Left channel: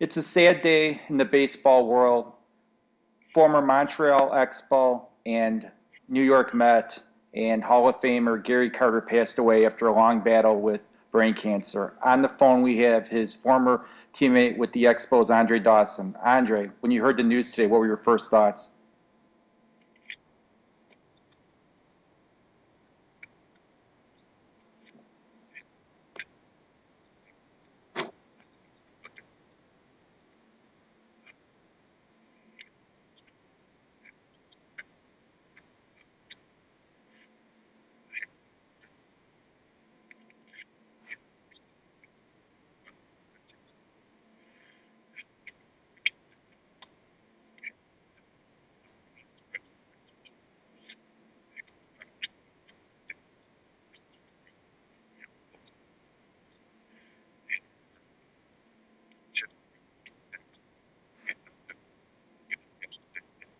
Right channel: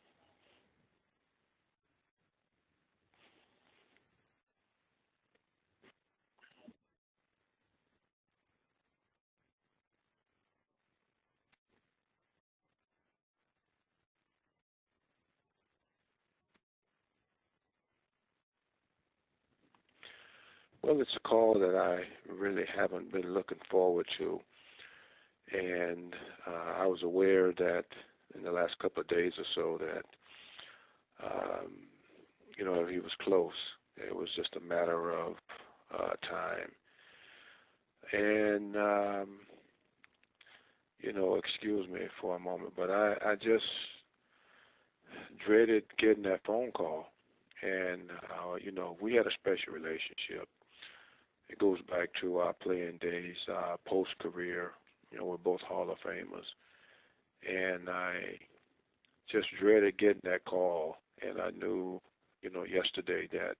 It's a sad day in the baseball world. Former Montreal Expo and New York Met and Hall of Famer Gary Carter passed away after a long battle with brain cancer. On the phone, we have his former teammate with the Expos, Andre Dawson. Andre, when you heard the news today, what were your first thoughts? Well, it's a call that I really haven't been looking forward to, and I was aware that in the last couple of days or so that um, he was close. It was just a matter of time, and excuse me for a moment, but I just dreaded getting that phone call, and we had a special relationship. It goes back to our playing days, post-career. We're both Hall of Famers. And I just dreaded getting that call. And I knew, yesterday that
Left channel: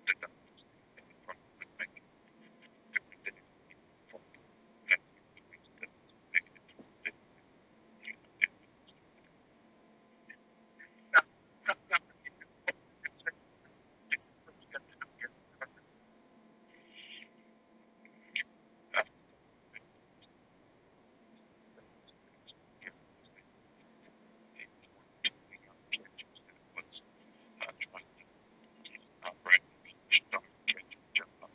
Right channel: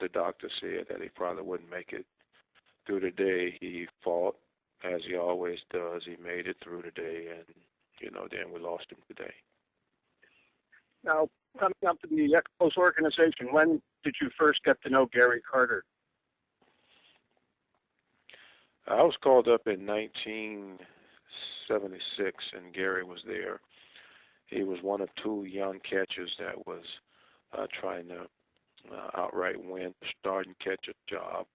the doctor said that he probably wouldn't make it through the day. He fought, as he always does. He made it through the day, and, then we lost him today. Now, coming up to the Expos organization, when did you first get to know Gary Carter? I was called up in 1976, and Gary was there. He was one of two young catchers that was trying to outright win the starting catcher job.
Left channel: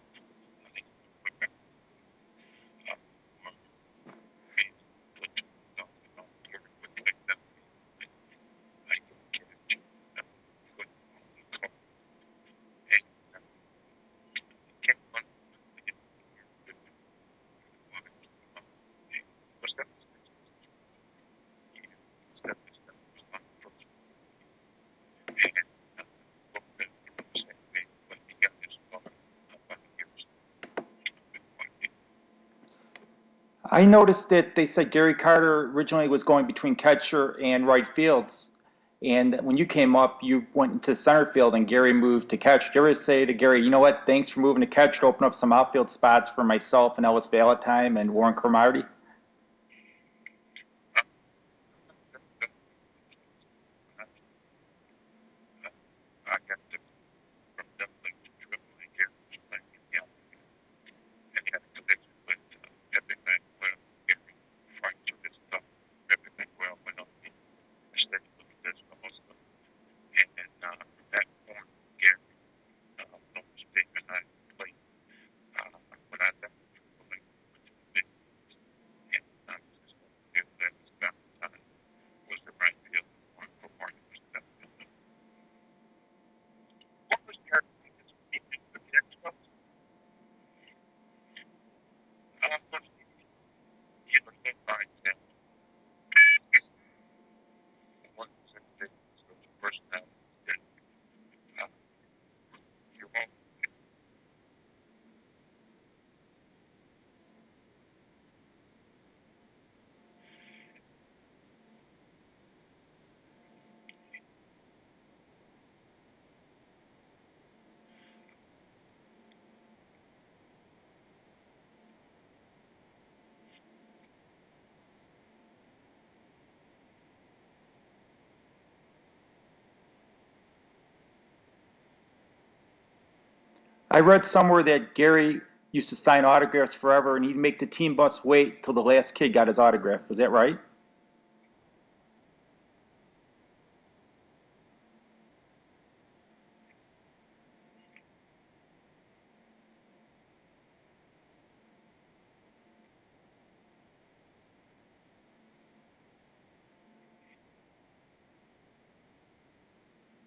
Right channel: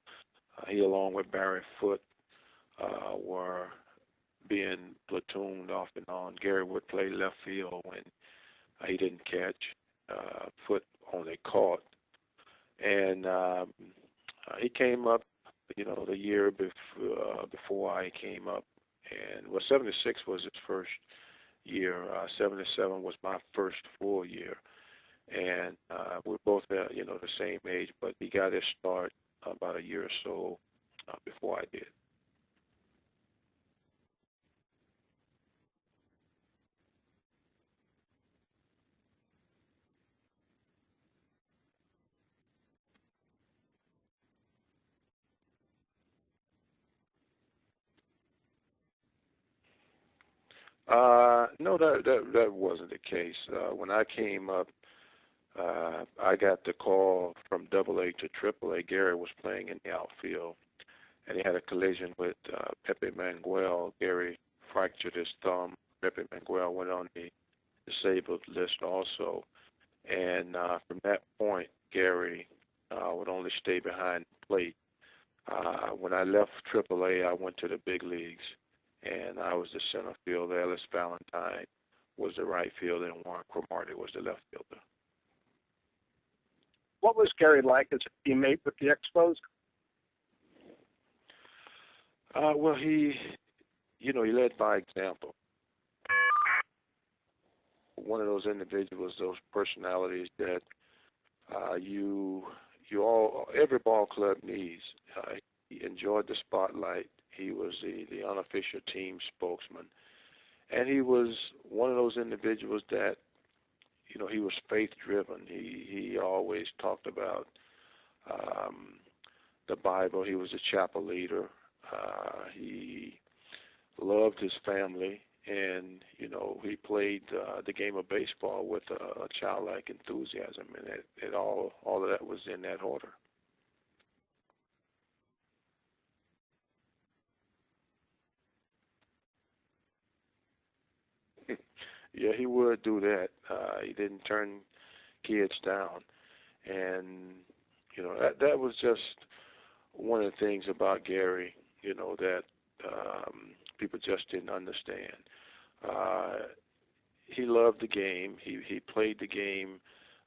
He, along with Barry Foote, were being platooned off and on. Gary would play left field when he didn't catch. Foote only caught. And he came up the year before I came up, and 76 was his first year. 77 was my first full year, and we're both the same age, but he got his start about a year or so before I did. I noticed that they said Gary Carter originally was going between catcher and right fields. And when you came up, you went into center field, and Gary moved to catch. Did you ever say to Gary, you know what, thanks for moving to catch to open up some outfield spots for myself and Ellis Valentine and Warren Cromartie? No, that wasn't the case. When I came up, I got the call from AA to AAA. Gary was playing in the outfield, and he had a collision with Pepe Manguel. Gary fractured his thumb. Pepe Manguel went on the disabled list also, and from that point, Gary would only stay behind the plate. When I left AAA, I went to the big leagues, and I was the center fielder. Ellis Valentine was the right fielder, and Warren Cromartie was the left fielder. What was Gary like as a teammate with the Expos? Well, he led by example. One of those individuals, those personalities that every ball club needs. He enjoyed the spotlight. He was the unofficial team spokesman, and he was one of those individuals that he was faith driven. He always talked about the Bible. He was a chapel leader. He loved his family, and he played the game of baseball with a childlike enthusiasm, and all of that was in that order. I read somewhere that Gary used to sign autographs forever, and he'd make the team bus wait till the last kid got his autograph. Was that right? Yeah, he would do that. He didn't turn kids down, and that was just one of the things about Gary, that people just didn't understand. He loved the game. He played the game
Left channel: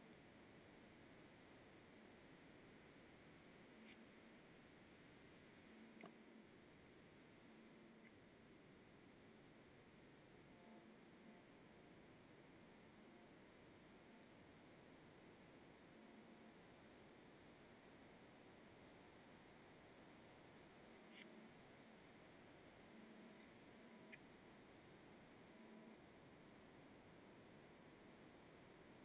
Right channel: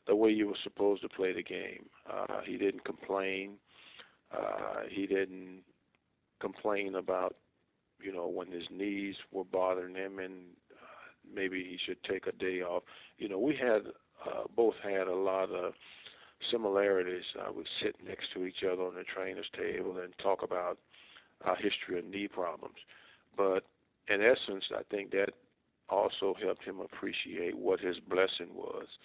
the way you were supposed to play the game. He didn't complain. He didn't complain about, when his knees were bothering him and maybe he should take a day off. We had both had a lot of similarities. We sit next to each other on the trainer's table and talk about our history of knee problems. But in essence, I think that also helped him appreciate what his blessing was,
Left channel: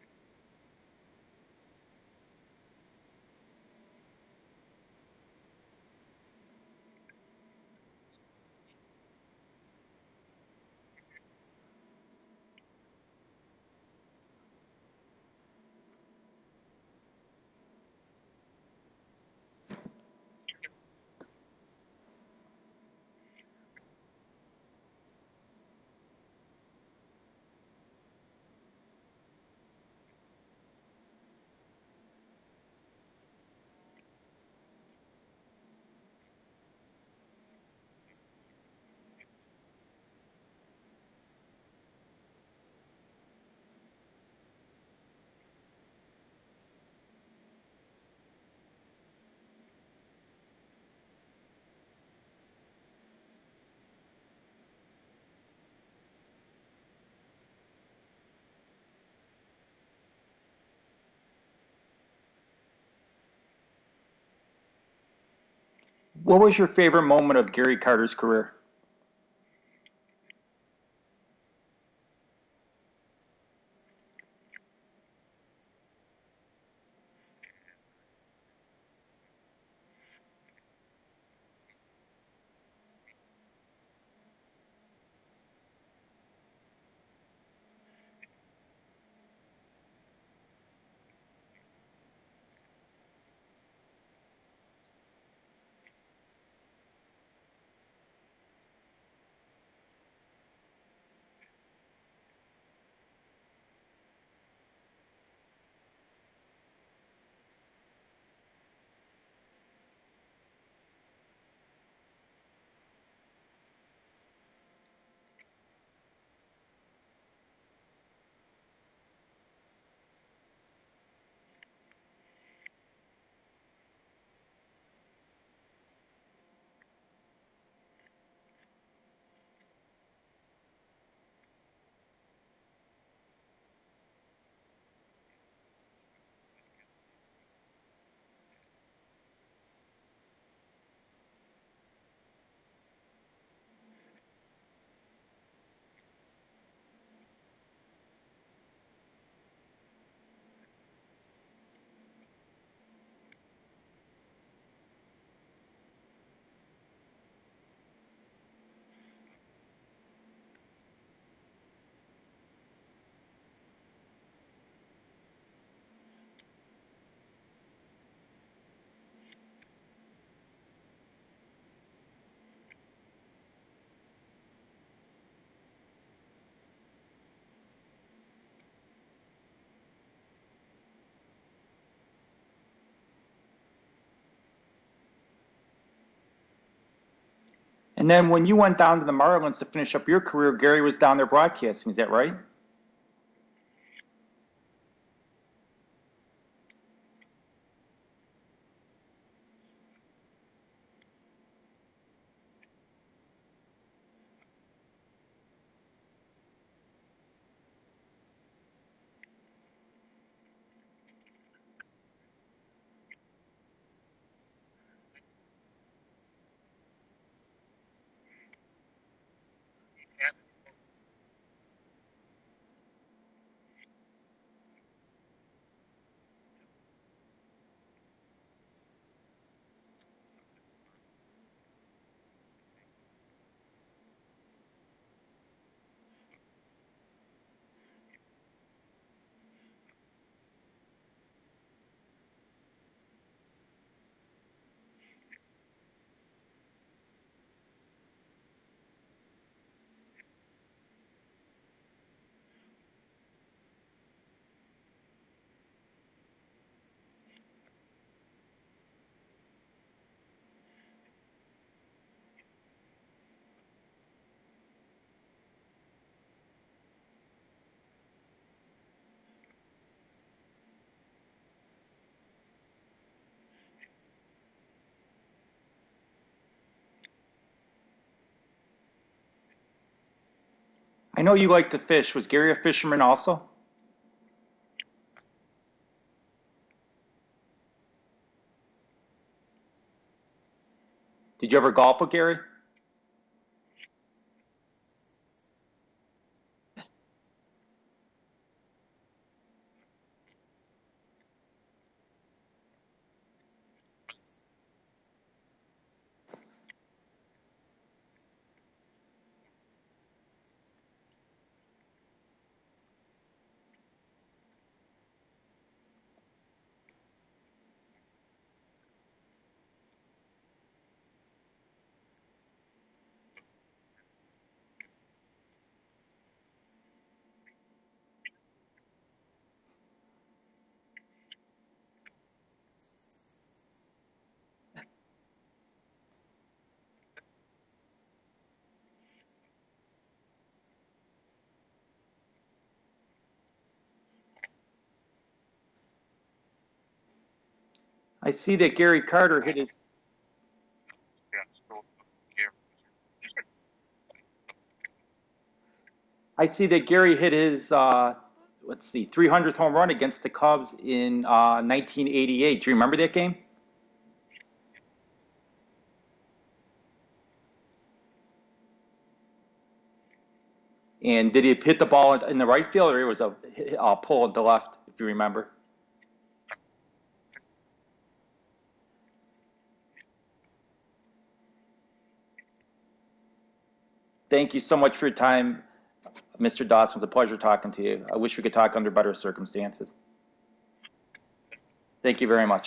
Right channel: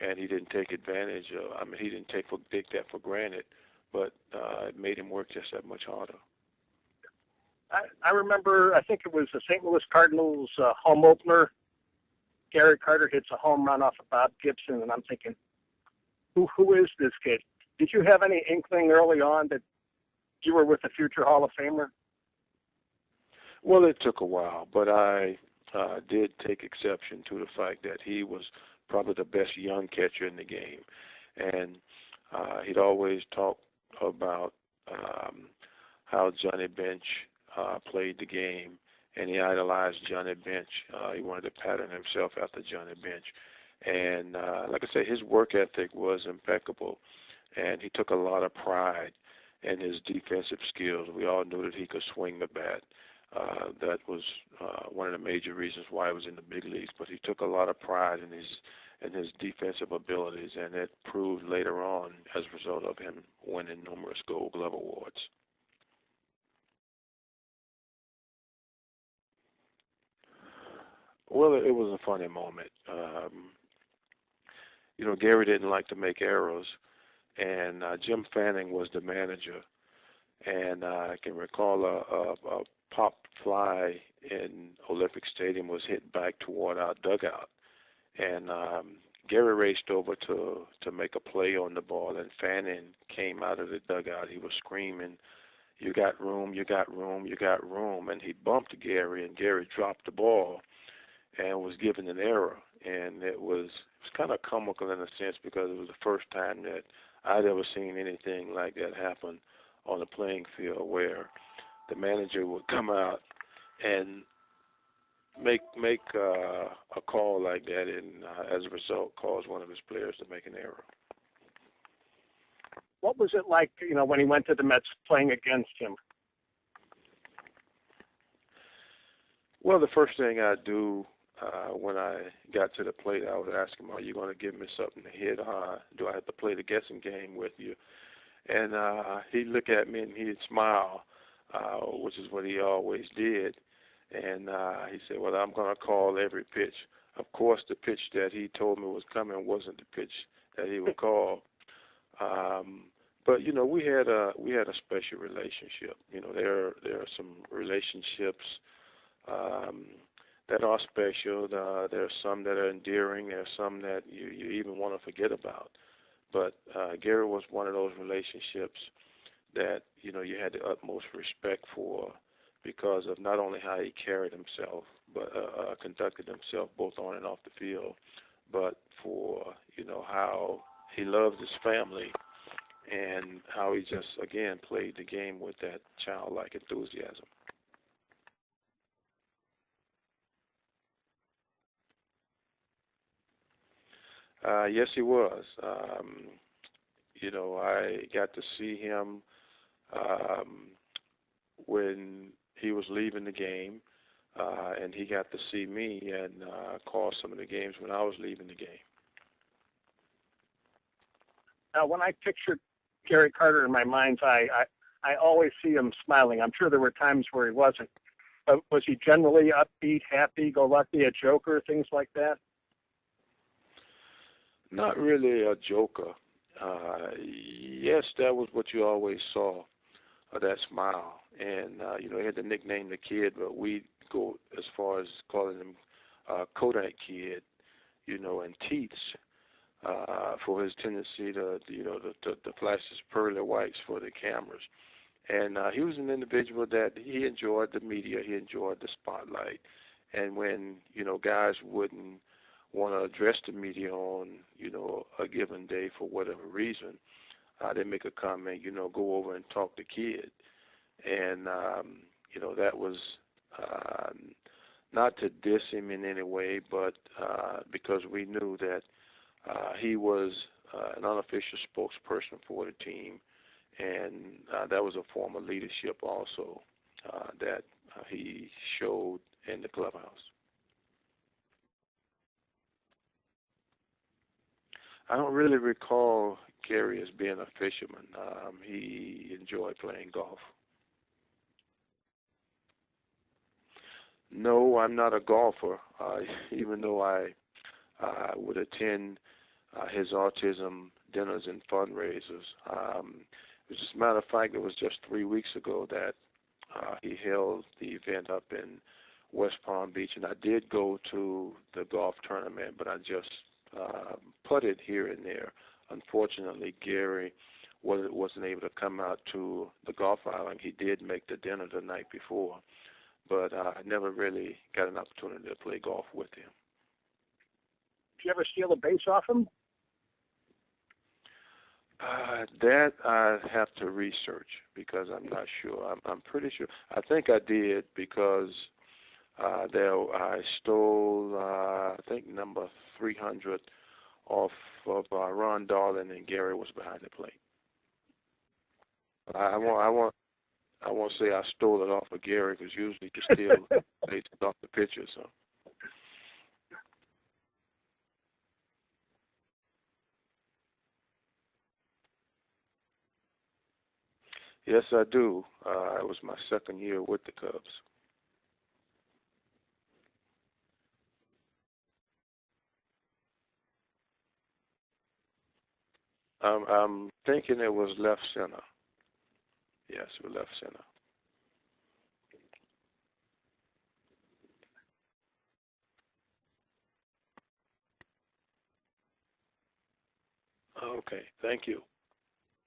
and he didn't take advantage of. He didn't take that for granted, but it made him work just that much harder. I remember, I think it was the St. Louis Cardinals home opener. Gary Carter hits a home run off of Bob Gibson, and I'm thinking, who is this kid? Did you have any inkling early on that you were with a future Hall of Famer? Well, it took a while, but I did take exception to the fact that he was probably the best young catcher in the game. And he'd always talk about how Johnny Bench played the game, and he idolized Johnny Bench. He wanted to pattern himself after Johnny Bench. And like I said, his work ethic was impeccable, and he took a lot of pride in his defensive skills. We all knew that he could swing the bat. That was one of the major reasons why he was in the big leagues, but he took a lot of pride in his defensive abilities, and it proved later on as a result of him winning numerous Gold Glove awards. What was your favorite moment of Gary Carter's career? Well, it was a funny moment. Gary didn't like to make errors, and Jim Fanning was the manager. And I can recall a popped fly in Olympic Stadium was hit back toward our dugout. And Gary raced over to make a play on the ball, and Fanning came out of the dugout. He was screaming, "You got room, you got room, you got room." And he bumped Gary, and Gary dropped the ball and was given an error. And it was kind of comical in a sense, because it was the first time that I'd ever seen anything like that happen on a playing field, where the manager would come out and make a call like that, and as a result cause one of his players to make an error. What was it like, when he went to the Mets playing against him? Well, the first thing I do when I got to the plate, I would ask him, "Are you going to give me something to hit? Do I have to play the guessing game with you?" And he'd look at me and he'd smile, which is what he always did. And he said, "Well, I'm going to call every pitch." Of course, the pitch that he told me was coming wasn't the pitch that he would call. But we had a special relationship. There are some relationships that are special. There are some that are endearing. There are some that you even want to forget about. But Gary was one of those relationships that you had the utmost respect for, because of not only how he carried himself, but conducted himself both on and off the field, but for how he loved his family, and how he just again played the game with that childlike enthusiasm. And then when you went down to the Marlins to finish up your career, Gary was down there broadcasting. Is that right? Yes, he was. I got to see him when he was leaving the game, and he got to see me and call some of the games when I was leaving the game. Now, when I pictured Gary Carter in my mind's eye, I always see him smiling. I'm sure there were times where he wasn't. But was he generally upbeat, happy-go-lucky, a joker, things like that? Not really a joker. Yes, that was what you always saw, that smile. And, he had the nickname The Kid, but we go as far as calling him Kodak Kid, and Teats, for his tendency to flash his pearly whites for the cameras. And he was an individual that he enjoyed the media, he enjoyed the spotlight. And when, guys wouldn't want to address the media on, a given day for whatever reason, they make a comment, go over and talk to Kid. And, that was not to diss him in any way, but because we knew that he was an unofficial spokesperson for the team, and that was a form of leadership also that he showed in the clubhouse. I know you like to fish. Was Gary a fisherman also? I don't really recall Gary as being a fisherman. He enjoyed playing golf. Did you ever golf with Gary? No, I'm not a golfer, even though I would attend his autism dinners and fundraisers. As a matter of fact, it was just 3 weeks ago that he held the event up in West Palm Beach, and I did go to the golf tournament, but I just putted here and there. Unfortunately, Gary wasn't able to come out to the golf island. He did make the dinner the night before, but I never really got an opportunity to play golf with him. Did you ever steal a base off him? That I have to research because I'm not sure. I'm pretty sure. I think I did because I stole, I think, number 300 off of Ron Darling, and Gary was behind the plate. I see that Gary Carter hit his... I won't say I stole it off of Gary because usually you can steal based off the picture. So I see that Gary hit his, 300th home run against the Cubs in 1988. Do you remember that game? yes, I do. It was my second year with the Cubs. And did he hit the ball in the right field, or it was a pull at the left, if you remember? I'm thinking it was left center. Yes, it was left center. Thank you so much for your time, Mr. Dawson. It was a pleasure talking to you. I wish we could talk under better circumstances. Okay, thank you. Thank you very much.